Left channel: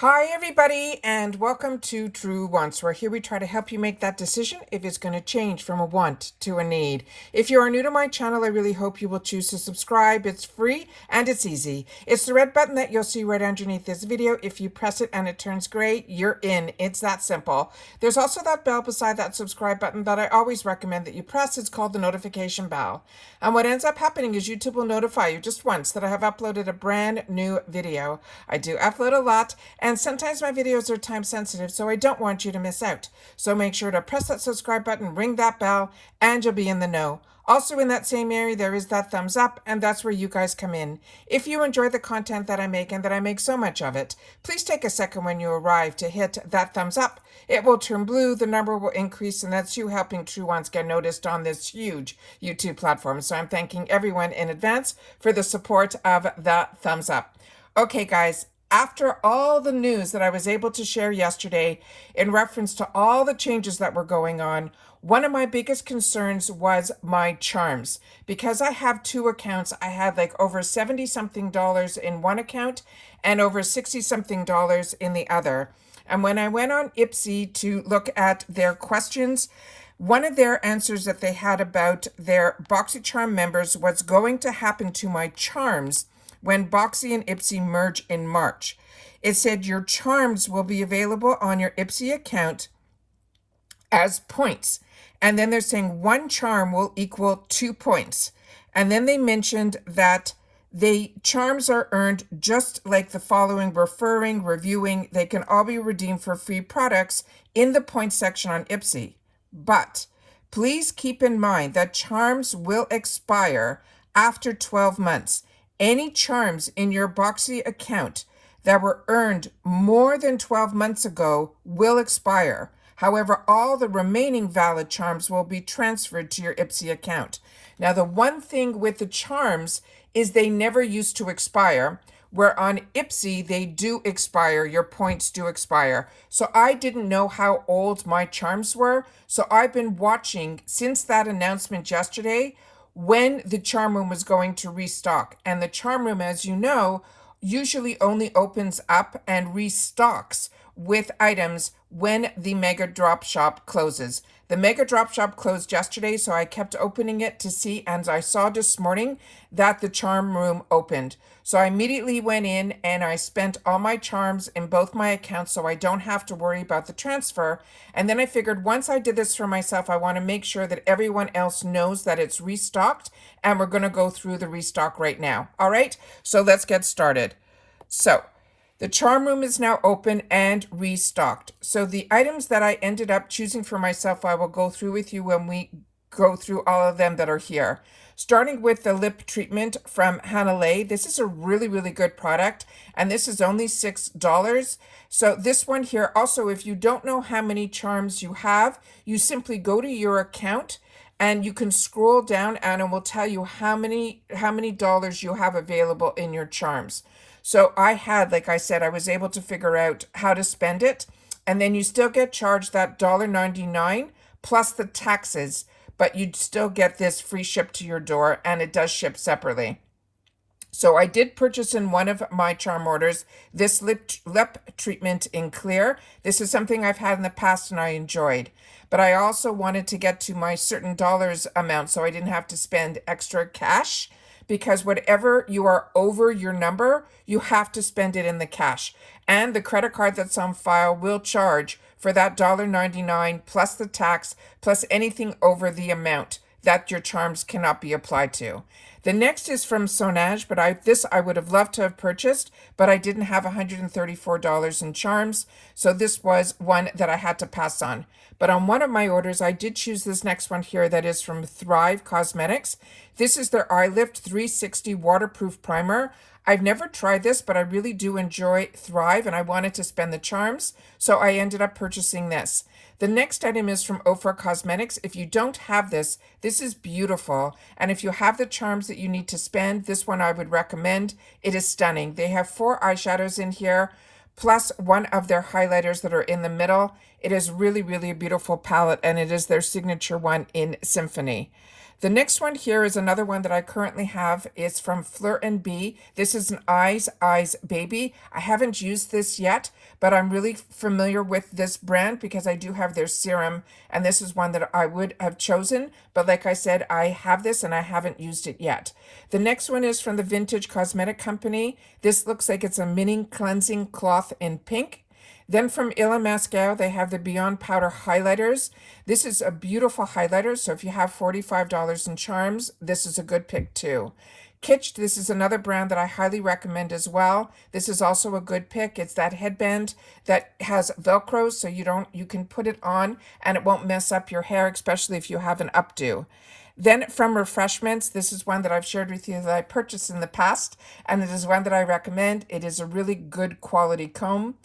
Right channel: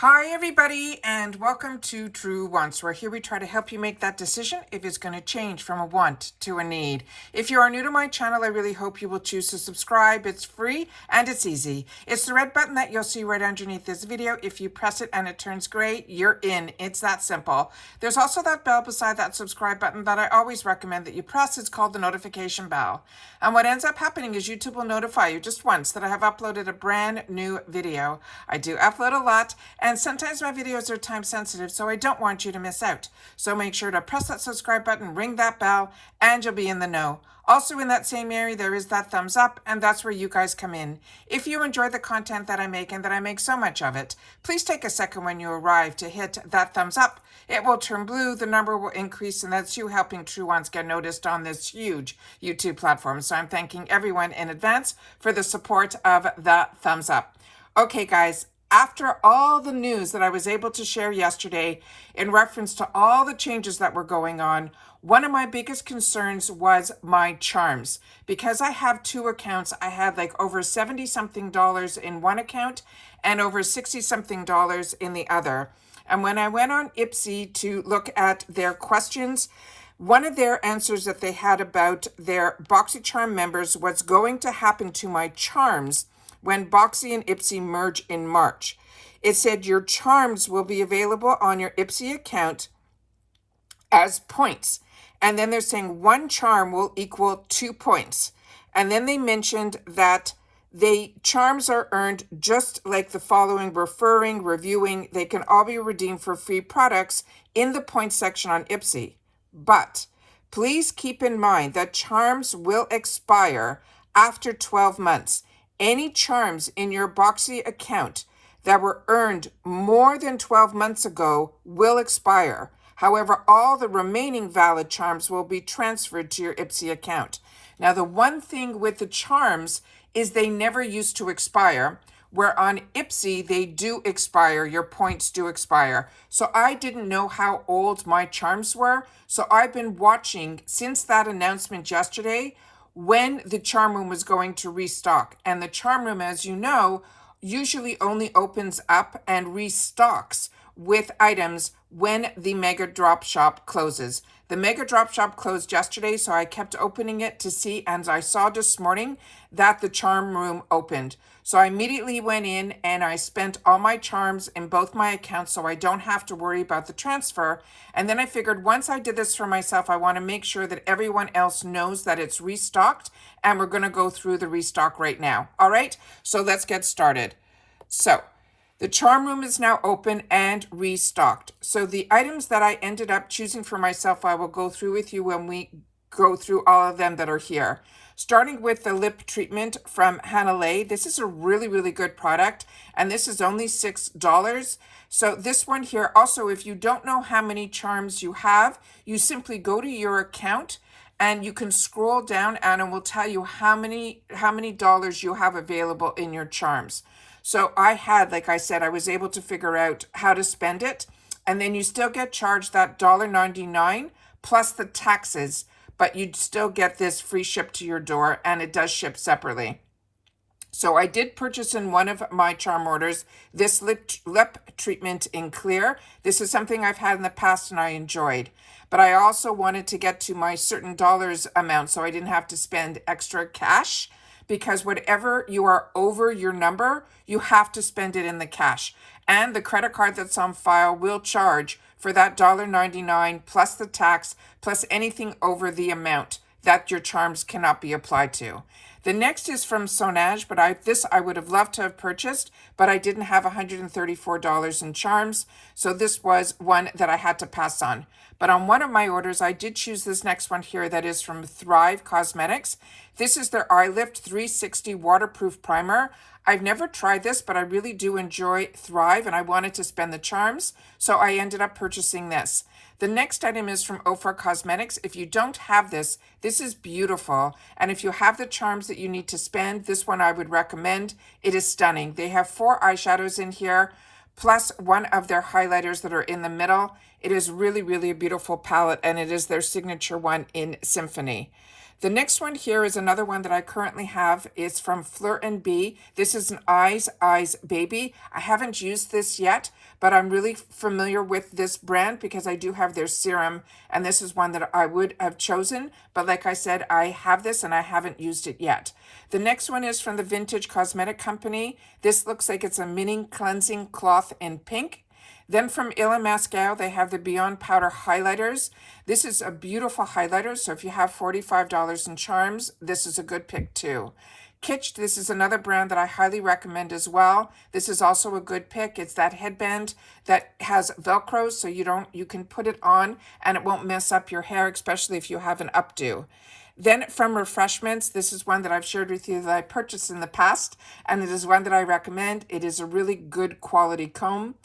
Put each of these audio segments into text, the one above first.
Hi everybody and welcome to True Wants, where here we try to help you make that decision if it's going to change from a want to a need. If you are new to my channel, I really hope you will choose to subscribe. It's free and it's easy. It's the red button that you'll see right underneath this video. If you press it and it turns gray, you're in. It's that simple. There's also that bell beside that subscribe button that I always recommend that you press. It's called the notification bell. And what ends up happening is YouTube will notify you just once that I have uploaded a brand new video. I do upload a lot, and sometimes my videos are time sensitive, so I don't want you to miss out. So make sure to press that subscribe button, ring that bell, and you'll be in the know. Also in that same area, there is that thumbs up, and that's where you guys come in. If you enjoy the content that I make and that I make so much of it, please take a second when you arrive to hit that thumbs up. It will turn blue, the number will increase, and that's you helping True Ones get noticed on this huge YouTube platform. So I'm thanking everyone in advance for the support of the thumbs up. Okay, guys. After all the news that I was able to share yesterday in reference to all the changes that were going on, one of my biggest concerns was my charms. Because I have two accounts, I had like over 70 something dollars in one account and over 60 something dollars in the other. And when I went on Ipsy to look at their questions, one of their answers that they had about their Boxycharm members was going to happen to my charms when Boxy and Ipsy merge in March. It said your charms will be available on your Ipsy account as points. And then they're saying one charm will equal 2 points. And then they mentioned that charms are earned just like the following: referring, reviewing. They can all be redeemed for free products in the points section on Ipsy. But please keep in mind that charms will expire after 12 months. Any charms in your Boxy account that were earned more than 12 months ago will expire. However, all the remaining valid charms will be transferred to your Ipsy account. Now, the one thing with the charms is they never used to expire, where on Ipsy they do expire, your points do expire. So I didn't know how old my charms were, so I've been watching since that announcement yesterday when the charm room was going to restock. And the charm room, as you know, usually only opens up and restocks with items when the Mega Drop Shop closes. The Mega Drop Shop closed yesterday, so I kept opening it to see, and I saw this morning that the charm room opened. So I immediately went in and I spent all my charms in both my accounts so I don't have to worry about the transfer. And then I figured once I did this for myself, I want to make sure that everyone else knows that it's restocked, and we're going to go through the restock right now. All right, so let's get started. So the charm room is now open and restocked. So the items that I ended up choosing for myself, I will go through with you when we go through all of them that are here. Starting with the lip treatment from Hanalei. This is a really, really good product, and this is only $6. So this one here, also, if you don't know how many charms you have, you simply go to your account and you can scroll down and it will tell you how many dollars you have available in your charms. So I had, like I said, I was able to figure out how to spend it, and then you still get charged that $1.99 plus the taxes, but you'd still get this free ship to your door, and it does ship separately. So I did purchase in one of my charm orders this lip treatment in clear. This is something I've had in the past and I enjoyed. But I also wanted to get to my certain dollars amount so I didn't have to spend extra cash, because whatever you are over your number, you have to spend it in the cash. And the credit card that's on file will charge for that $1.99 plus the tax plus anything over the amount that your charms cannot be applied to. The next is from Sonage, but I would have loved to have purchased, but I didn't have $134 in charms, so this was one that I had to pass on. But on one of my orders, I did choose this next one here that is from Thrive Cosmetics. This is their Eye Lift 360 Waterproof Primer. I've never tried this, but I really do enjoy Thrive, and I wanted to spend the charms, so I ended up purchasing this. The next item is from Ofra Cosmetics. If you don't have this, this is beautiful. And if you have the charms that you need to spend, this one I would recommend. It is stunning. They have 4 eyeshadows in here, plus one of their highlighters that are in the middle. It is really, really a beautiful palette, and it is their signature one in Symphony. The next one here is another one that I currently have. It's from Fleur and Bee. This is an Eyes Baby. I haven't used this yet, but I'm really familiar with this brand because I do have their serum, and this is one that I would have chosen. But like I said, I have this and I haven't used it yet. The next one is from the Vintage Cosmetic Company. This looks like it's a mini cleansing cloth in pink. Then from Illa Mascaro, they have the Beyond Powder Highlighters. This is a beautiful highlighter, so if you have $45 in charms, this is a good pick too. Kitsch, this is another brand that I highly recommend as well. This is also a good pick. It's that headband that has Velcro, so you can put it on and it won't mess up your hair, especially if you have an updo. Then from Refreshments, this is one that I've shared with you that I purchased in the past, and it is one that I recommend. It is a really good quality comb.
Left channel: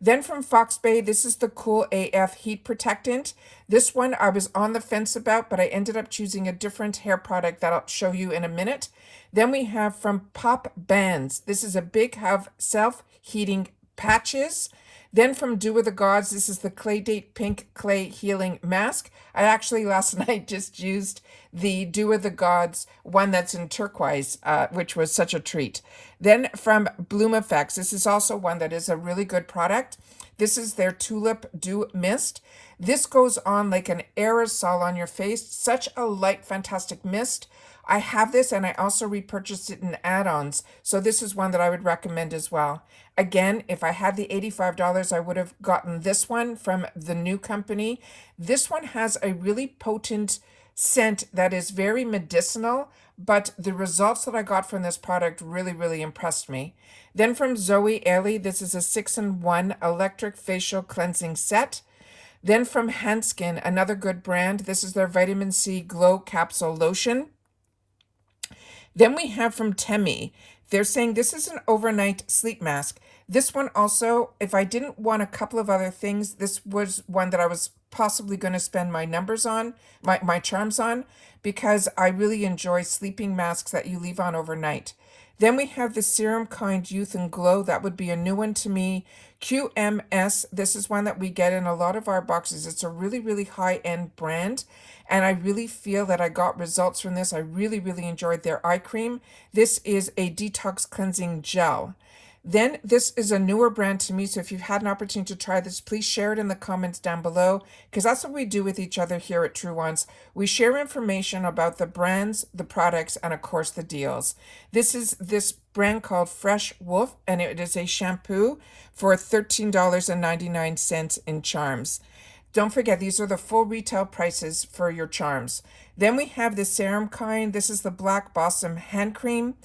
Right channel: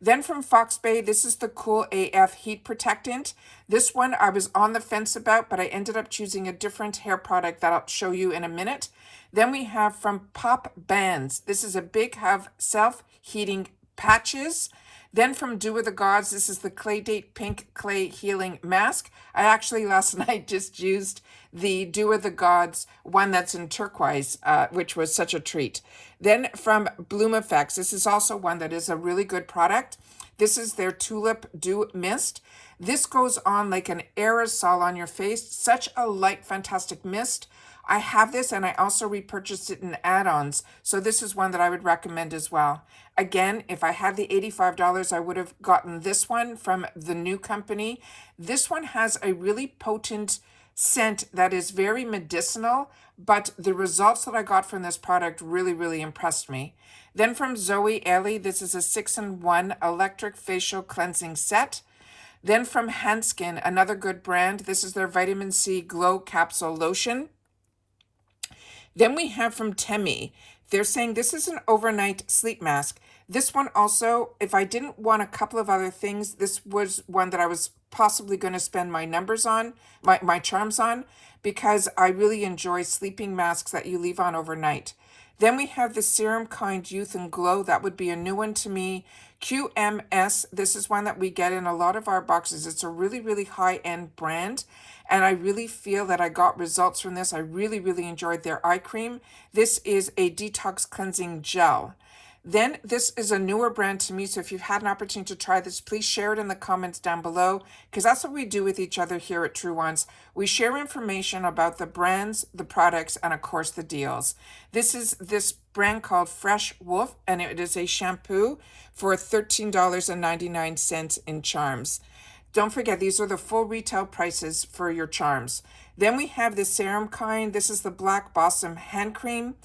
Then from Fox Bay, this is the Cool AF Heat Protectant. This one I was on the fence about, but I ended up choosing a different hair product that I'll show you in a minute. Then we have from Pop Bands. This is a Big Hug self-heating patches. Then from Dew of the Gods, this is the Clay Date Pink Clay Healing Mask. I actually last night just used the Dew of the Gods one that's in turquoise, which was such a treat. Then from Bloom Effects, this is also one that is a really good product. This is their Tulip Dew Mist. This goes on like an aerosol on your face. Such a light, fantastic mist. I have this and I also repurchased it in add-ons. So this is one that I would recommend as well. Again, if I had the $85, I would have gotten this one from the new company. This one has a really potent scent that is very medicinal, but the results that I got from this product really, really impressed me. Then from Zoe Ellie, this is a 6-in-1 electric facial cleansing set. Then from Hanskin, another good brand. This is their Vitamin C Glow Capsule Lotion. Then we have from Temi. They're saying this is an overnight sleep mask. This one also, if I didn't want a couple of other things, this was one that I was possibly going to spend my numbers on, my charms on, because I really enjoy sleeping masks that you leave on overnight. Then we have the Serum Kind Youth and Glow. That would be a new one to me. QMS, this is one that we get in a lot of our boxes. It's a really, really high-end brand, and I really feel that I got results from this. I really, really enjoyed their eye cream. This is a detox cleansing gel. Then this is a newer brand to me, so if you've had an opportunity to try this, please share it in the comments down below, because that's what we do with each other here at True Ones. We share information about the brands, the products, and of course the deals. This is this brand called Fresh Wolf, and it is a shampoo for $13.99 in charms. Don't forget, these are the full retail prices for your charms. Then we have the Serum Kind. This is the Black Blossom Hand Cream.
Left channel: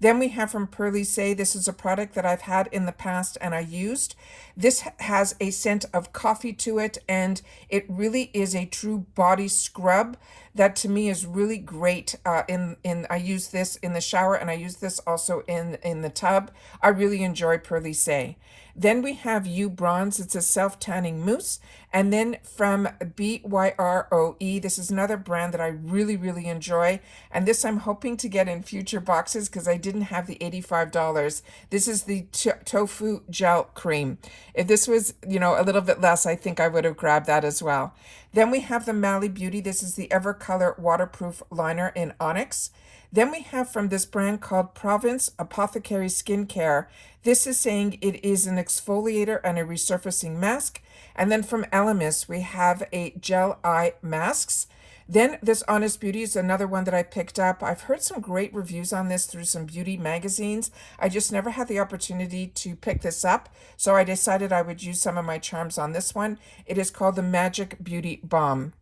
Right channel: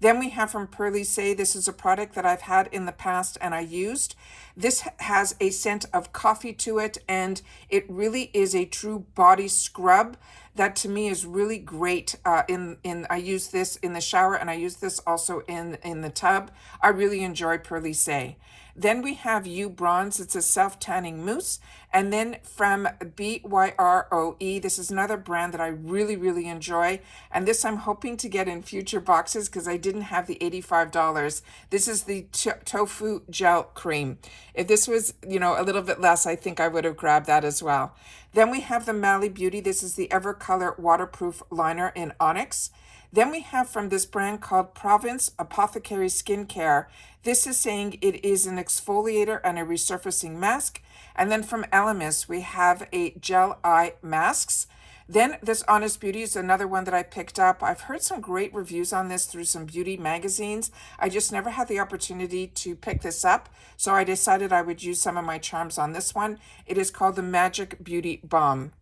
Then we have from Pearly Say, this is a product that I've had in the past and I used. This has a scent of coffee to it, and it really is a true body scrub that to me is really great. I use this in the shower, and I use this also in the tub. I really enjoy Pearly Say. Then we have You Bronze. It's a self-tanning mousse. And then from BYROE, this is another brand that I really, really enjoy. And this I'm hoping to get in future boxes because I didn't have the $85. This is the Tofu Gel Cream. If this was, a little bit less, I think I would have grabbed that as well. Then we have the Mally Beauty. This is the Evercolor Waterproof Liner in Onyx. Then we have from this brand called Province Apothecary Skincare. This is saying it is an exfoliator and a resurfacing mask. And then from Elemis, we have a gel eye masks. Then this Honest Beauty is another one that I picked up. I've heard some great reviews on this through some beauty magazines. I just never had the opportunity to pick this up, so I decided I would use some of my charms on this one. It is called the Magic Beauty Balm.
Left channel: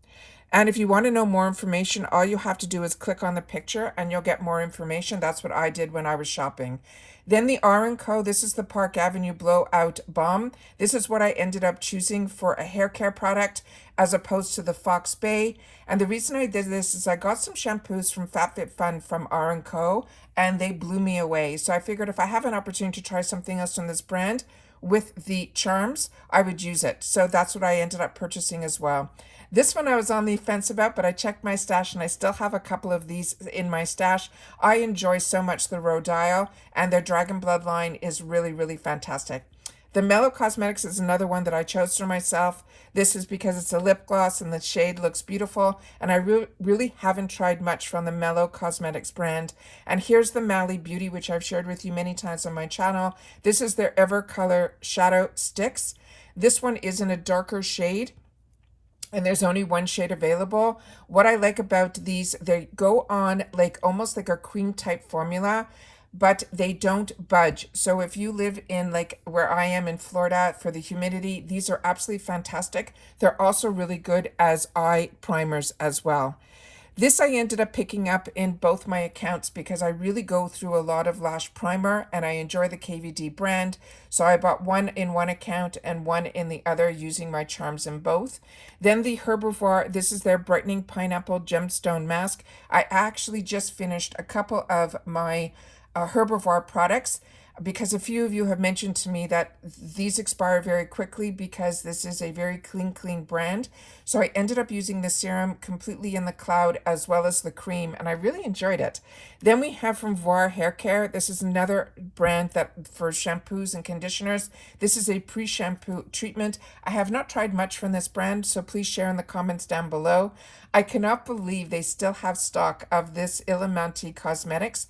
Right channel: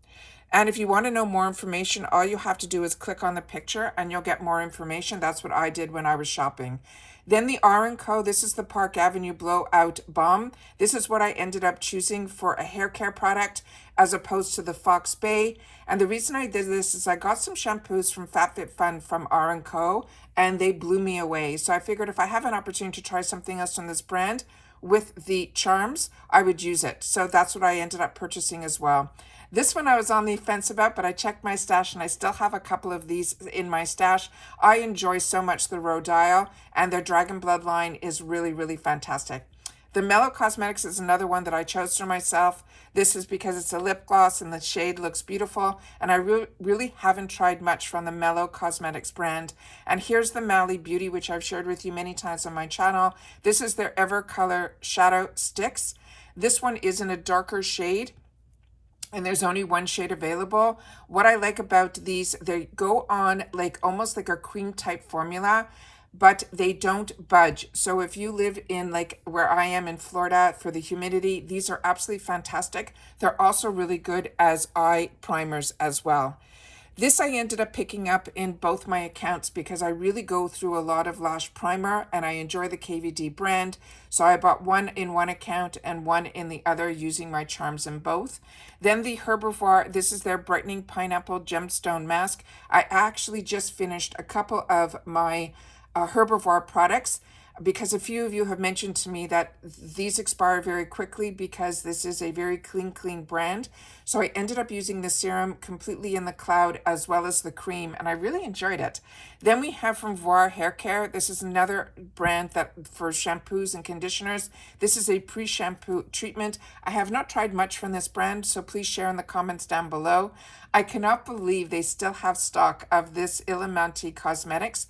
And if you want to know more information, all you have to do is click on the picture and you'll get more information. That's what I did when I was shopping. Then the R & Co. This is the Park Avenue Blowout Balm. This is what I ended up choosing for a hair care product as opposed to the Fox Bay. And the reason I did this is I got some shampoos from FabFitFun from R & Co. and they blew me away. So I figured if I have an opportunity to try something else from this brand with the charms, I would use it. So that's what I ended up purchasing as well. This one I was on the fence about, but I checked my stash and I still have a couple of these in my stash. I enjoy so much the Rhode Isle, and their Dragon Blood line is really, really fantastic. The Mellow Cosmetics is another one that I chose for myself. This is because it's a lip gloss and the shade looks beautiful, and I really haven't tried much from the Mellow Cosmetics brand. And here's the Mally Beauty, which I've shared with you many times on my channel. This is their Ever Color Shadow Sticks. This one is in a darker shade, and there's only one shade available. What I like about these, they go on like almost like a cream type formula, but they don't budge. So if you live in like where I am in Florida for the humidity, these are absolutely fantastic. They're also really good as eye primers as well. This I ended up picking up in both my accounts because I really go through a lot of lash primer and I enjoy the KVD brand. So I bought one in one account and one in the other, using my charms in both. Then the Herbivore, this is their Brightening Pineapple Gemstone Mask. I actually just finished a couple of my Herbivore products, because a few of you have mentioned to me that these expire very quickly because this is a very clean brand. So I ended up using the serum completely in the cloud as well as the cream, and I really enjoyed it. Then we have from Voir Hair Care. This is another brand that for shampoos and conditioners. This is a pre-shampoo treatment. I have not tried much from this brand, so please share in the comments down below. I cannot believe they still have stock of this Illuminati Cosmetics.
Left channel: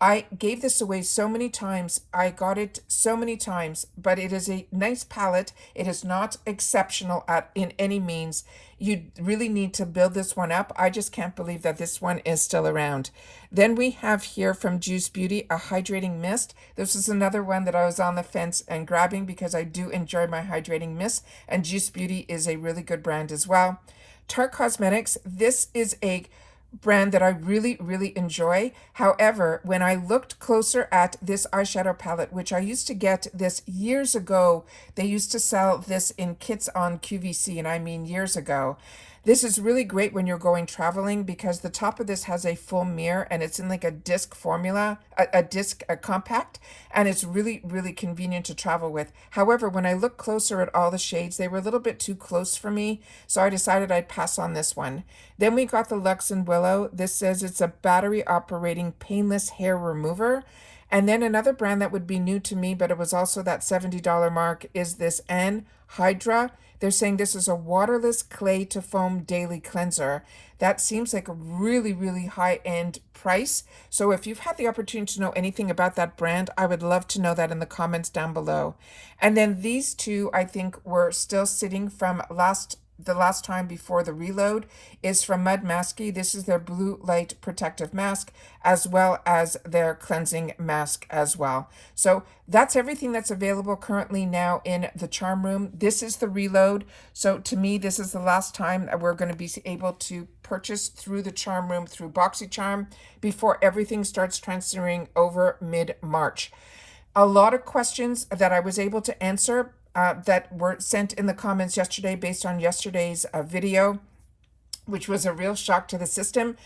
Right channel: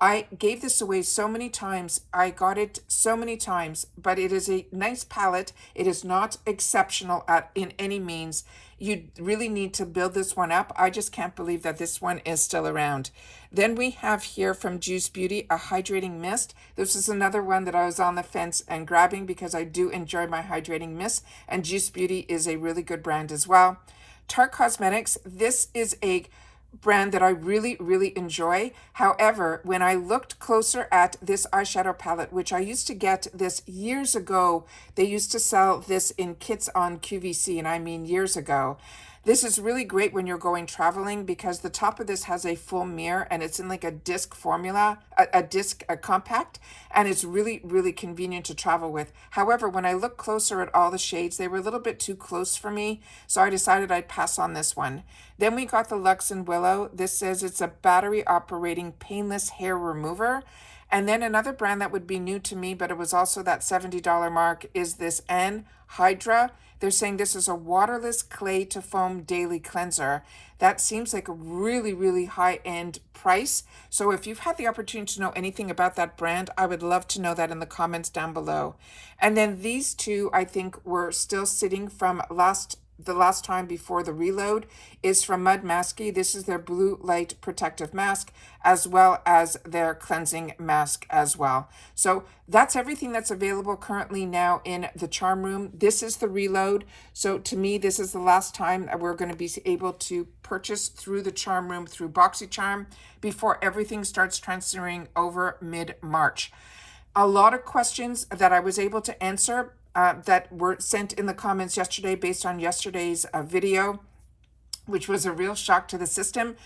I gave this away so many times. I got it so many times, but it is a nice palette. It is not exceptional in any means. You really need to build this one up. I just can't believe that this one is still around. Then we have here from Juice Beauty, a hydrating mist. This is another one that I was on the fence and grabbing because I do enjoy my hydrating mist, and Juice Beauty is a really good brand as well. Tarte Cosmetics, this is a brand that I really enjoy. However, when I looked closer at this eyeshadow palette, which I used to get this years ago, they used to sell this in kits on QVC, and I mean years ago. This is really great when you're going traveling because the top of this has a full mirror and it's in like a disc formula, a compact, and it's really convenient to travel with. However, when I look closer at all the shades, they were a little bit too close for me, so I decided I'd pass on this one. Then we got the Luxe and Willow. This says it's a battery operating painless hair remover. And then another brand that would be new to me, but it was also that $70 mark, is this Hydra. They're saying this is a waterless clay to foam daily cleanser. That seems like a really high-end price. So if you've had the opportunity to know anything about that brand, I would love to know that in the comments down below. And then these two, I think, were still sitting from the last time before the reload, is from Mud Masky. This is their blue light protective mask as well as their cleansing mask as well. So that's everything that's available currently now in the charm room. This is the reload. So to me, this is the last time that we're going to be able to purchase through the charm room through Boxycharm before everything starts transferring over mid-March. A lot of questions that I was able to answer that were sent in the comments yesterday based on yesterday's video, which was a real shock to the system.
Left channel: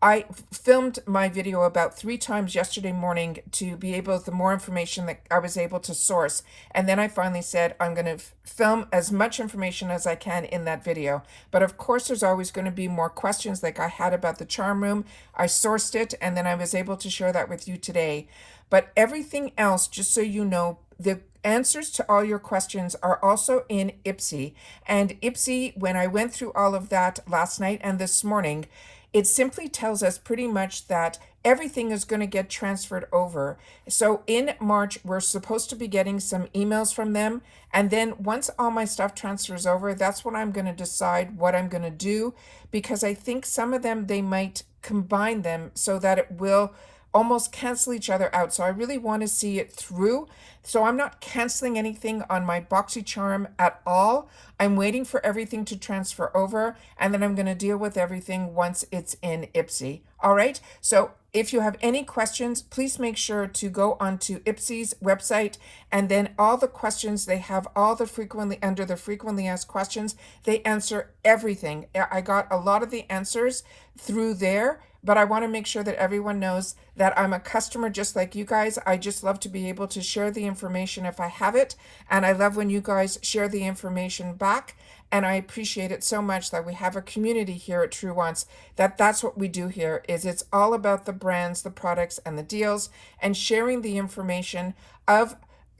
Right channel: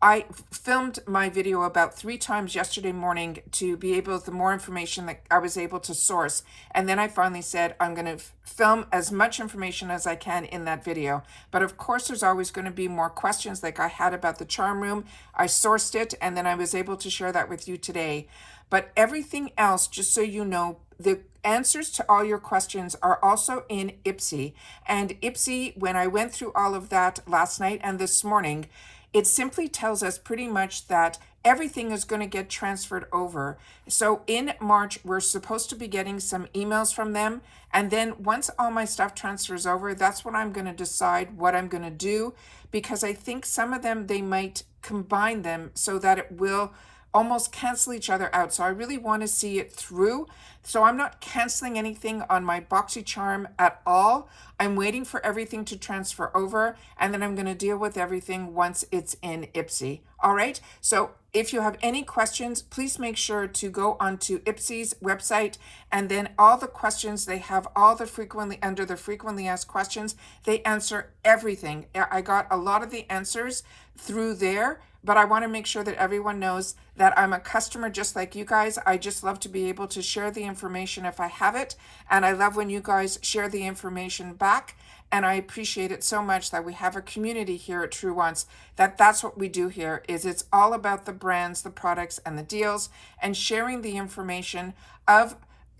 I filmed my video about 3 times yesterday morning to be able, the more information that I was able to source. And then I finally said, I'm going to film as much information as I can in that video. But of course, there's always going to be more questions like I had about the charm room. I sourced it, and then I was able to share that with you today. But everything else, just so you know, the answers to all your questions are also in Ipsy. And Ipsy, when I went through all of that last night and this morning, it simply tells us pretty much that everything is going to get transferred over. So in March, we're supposed to be getting some emails from them. And then once all my stuff transfers over, that's when I'm going to decide what I'm going to do, because I think some of them, they might combine them so that it will almost cancel each other out. So I really want to see it through. So I'm not canceling anything on my Boxycharm at all. I'm waiting for everything to transfer over, and then I'm going to deal with everything once it's in Ipsy. All right. So if you have any questions, please make sure to go onto Ipsy's website, and then all the questions, they have all the under the frequently asked questions. They answer everything. I got a lot of the answers through there. But I want to make sure that everyone knows that I'm a customer just like you guys. I just love to be able to share the information if I have it. And I love when you guys share the information back. And I appreciate it so much that we have a community here at True Wants, that's what we do here, is it's all about the brands, the products, and the deals, and sharing the information of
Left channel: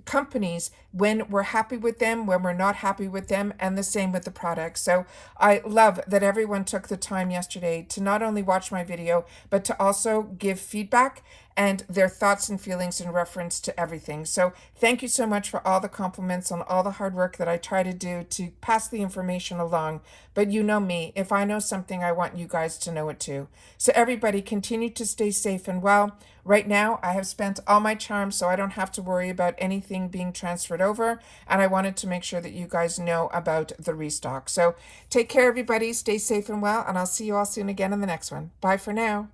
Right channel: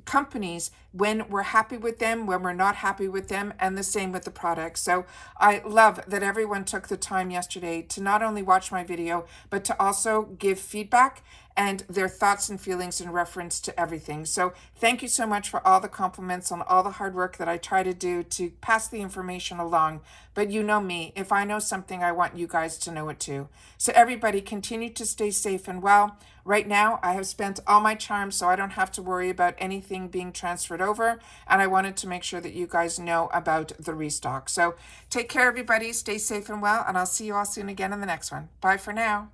companies when we're happy with them, when we're not happy with them, and the same with the products. So I love that everyone took the time yesterday to not only watch my video, but to also give feedback and their thoughts and feelings in reference to everything. So thank you so much for all the compliments on all the hard work that I try to do to pass the information along. But you know me, if I know something, I want you guys to know it too. So everybody continue to stay safe and well. Right now, I have spent all my charms, so I don't have to worry about anything being transferred over. And I wanted to make sure that you guys know about the restock. So take care, everybody. Stay safe and well, and I'll see you all soon again in the next one. Bye for now.